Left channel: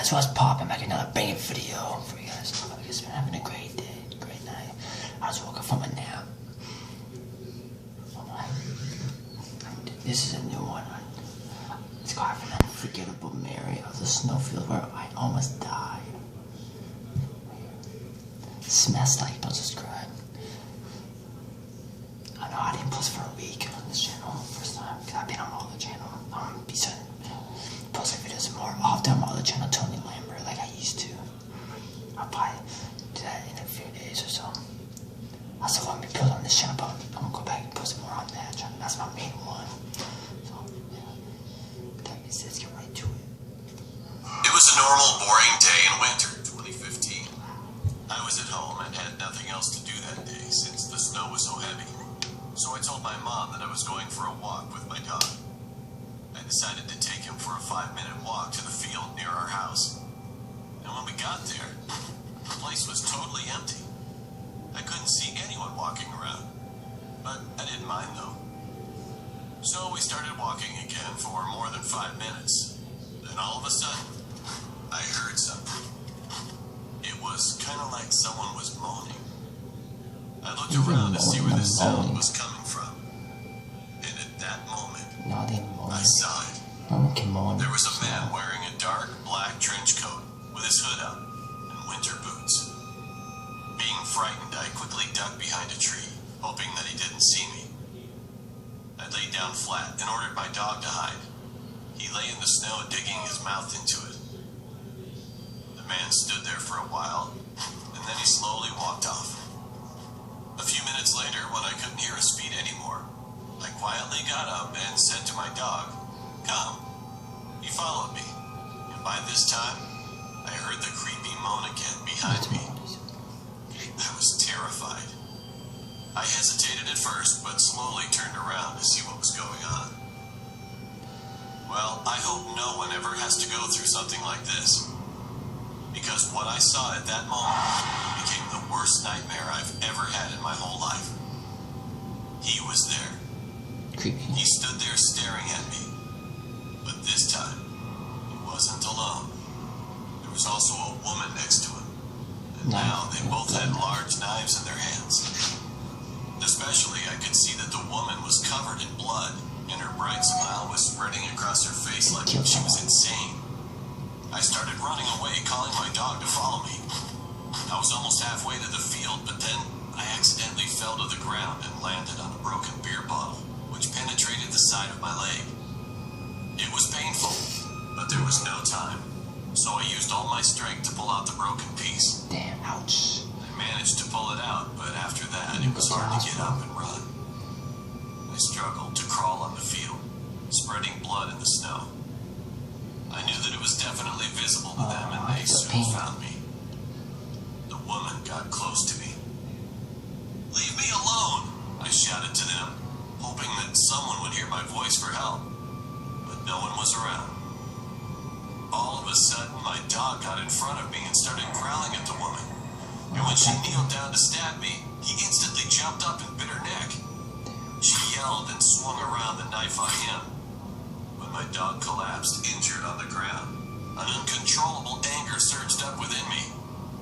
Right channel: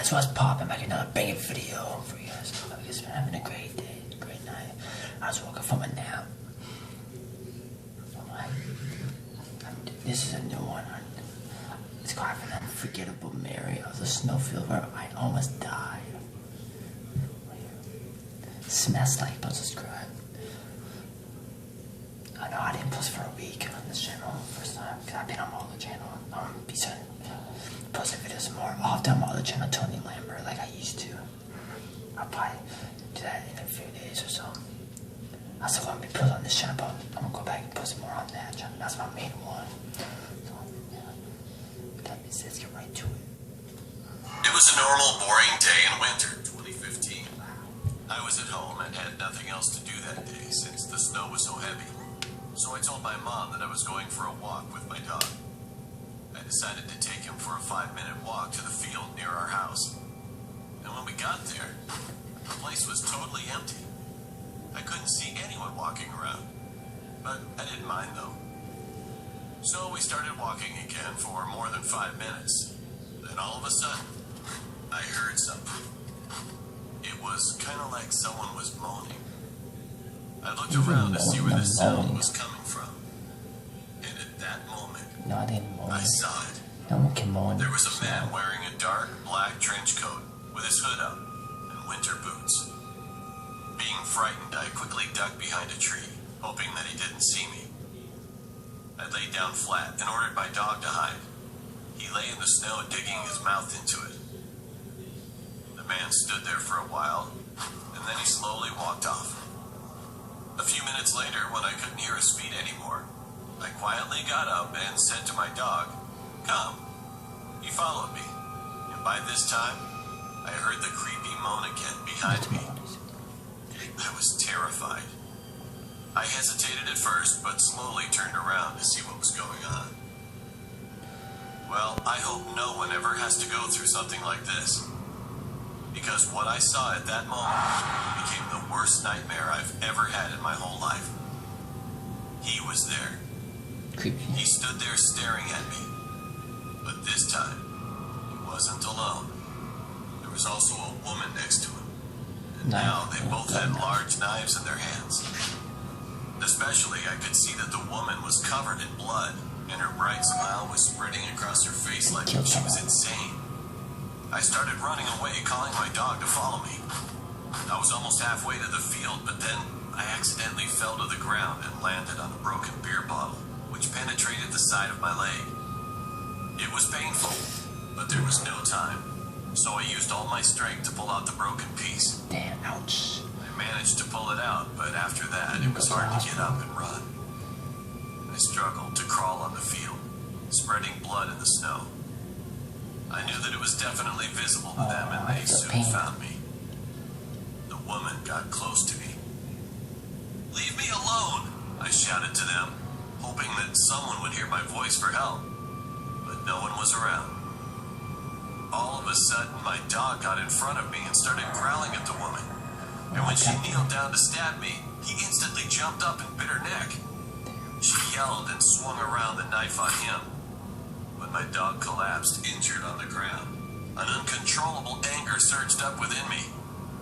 guys, what's poppin'? Back another banging video for you guys. I guess I'm having a great day, great night. I just woke up from a nap. This is a new one. It's called An Unforgettable Mary of the Snowfield where I almost died. Smash like, don't subscribe. I know I didn't post for a week on this channel first time because I've been on all the channel. Be certain posting videos more often on all the channel Tony Lambert like I used to. I'll probably do that in a few days or so. I still want to be posting on this channel, but I'm gonna go back and post more on that channel. That's my main one. So let's get right to it. It was a normal, boring day in winter 2015. I was at home and had nothing else to do that day since the snow was so heavy. So I told my mom that I was going for a walk with my dog. I decided to take him for a 5-minute walk to the field near our house. And when we got there, the place was totally empty. I couldn't see anyone walking around, but I didn't mind though. So we started walking again for more than 5 minutes. Then all of a sudden, I heard something. It was kind of like someone was moaning. I looked around to see where the sound was coming from. And at that moment, I saw it. No one can moan. There was a man wearing a dark black trench coat with his hood up and winter boots. Being frightened, I quickly ducked behind a tree, hoping that he didn't see me. I laid down flat and ordered my dog to hide. He lay in the snow, digging his mouth into it. The man stood there for a while, and then he slowly walked off. A few minutes later, when I couldn't hear his feet anymore, I quietly got up and said to my dog, "Come." He followed me, and by this time, I heard the creepy moan again behind me. I was terrified. I hesitated at first, but slowly turned around to see what was going on. Well, I hope no one ever has to go through something like this, because what I saw at that moment became the worst nightmare I've ever had in my whole life. He was there. Creepy. He stood there staring at me, but this time, he wasn't alone. There was also a woman next to him. And now they both had large knives in their hands. Especially, I could see that the woman was covered in blood, and her bright smile was spreading across her face like she was insane. I started running away, calling my dog to follow me. I was almost halfway to the field, but then I accidentally fell to the ground and landed on a broken beer bottle, which penetrated the side of my leg. It was painful, but there was no time. So I used all my strength to pull out the broken piece. Damn, ouch. I managed to pull it out, but after that, it was hard to get up and run. I struggled to crawl on the field, spreading blood in the snow. I knew that it was definitely visible to them, and they soon found me. The woman got close to me. "Leave me alone," I shouted to them, hoping that someone would hear my voice for help. But no one was around. All of a sudden, my dog got in front of me and started growling at the woman. And when she kneeled down to stab me, he instantly jumped up and bit her neck. She yelled and swung around the knife on him. When my dog collapsed, injured on the ground, an uncontrollable anger surged up within me.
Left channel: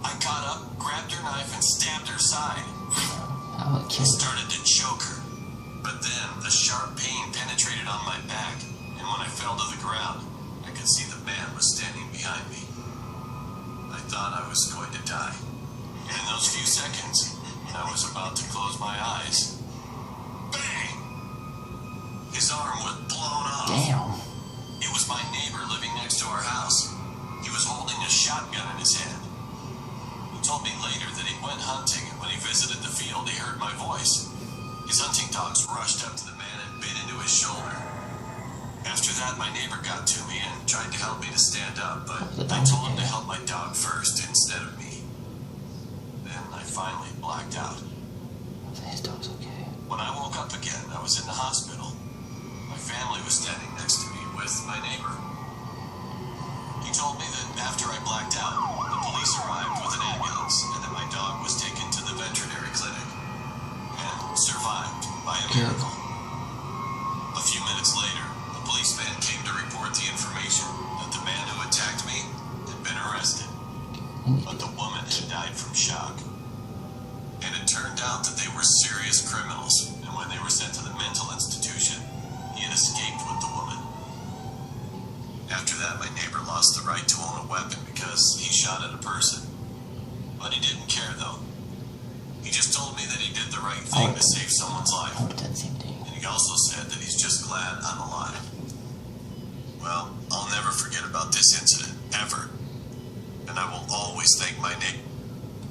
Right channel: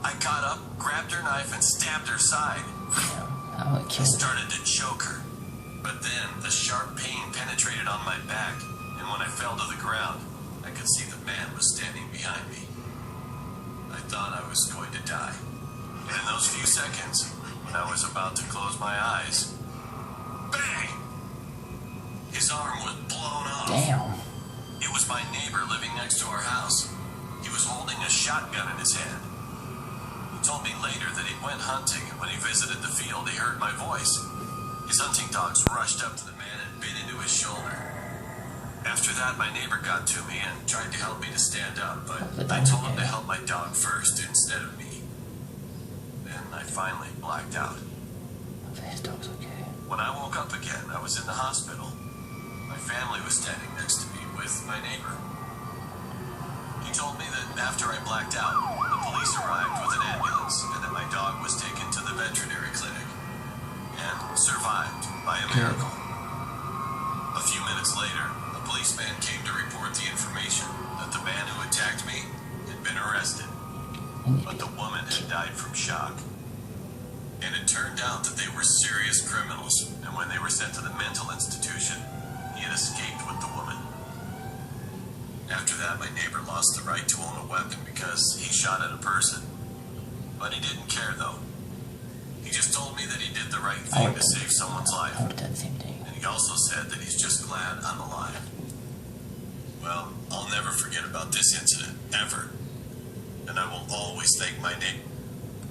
I got up, grabbed her knife, and stabbed her side. I started to choke her, but then a sharp pain penetrated on my back, and when I fell to the ground, I could see the man was standing behind me. I thought I was going to die. And in those few seconds, when I was about to close my eyes, bang! His arm was blown off. Damn. It was my neighbor living next to our house. He was holding a shotgun in his hand. He told me later that he went hunting, and when he visited the field, he heard my voice. His hunting dogs rushed up to the man and bit into his shoulder. After that, my neighbor got to me and tried to help me to stand up, but I told him to help my dog first instead of me. Then I finally blacked out. His dog's okay. When I woke up again, I was in the hospital. My family was standing next to me with my neighbor. He told me that after I blacked out, the police arrived with an ambulance and that my dog was taken to the veterinary clinic and survived by a miracle. A few minutes later, a policeman came to report the information that the man who attacked me had been but the woman had died from shock. And it turned out that they were serious criminals, and when they were sent to the mental institution, he had escaped with the woman. After that, my neighbor lost the right to own a weapon because he shot at a person. But he didn't care, though. He just told me that he did the right thing to save someone's life. I would have done the same thing. And he also said that he's just glad I'm alive. Well, I'll never forget about this incident, ever. And I will always thank my neighbor.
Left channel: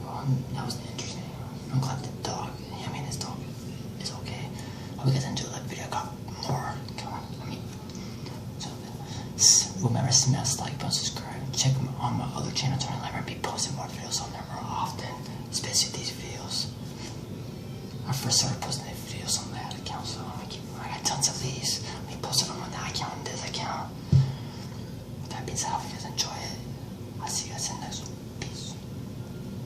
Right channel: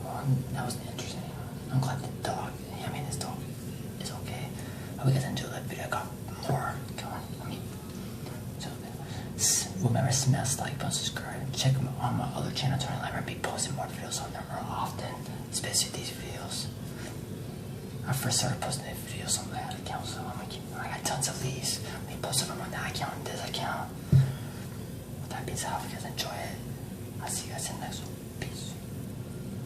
Well, that was interesting. I'm glad the dog, I mean, his dog is okay. I hope you guys enjoyed that video. I got more coming. I mean, so remember, smash like, button, subscribe. Check on my other channel, Tony Lamb. I'll be posting more videos on there more often, especially these videos. I first started posting these videos on that account, so I got tons of these. I posted them on that account and this account. With that being said, I hope you guys enjoy it.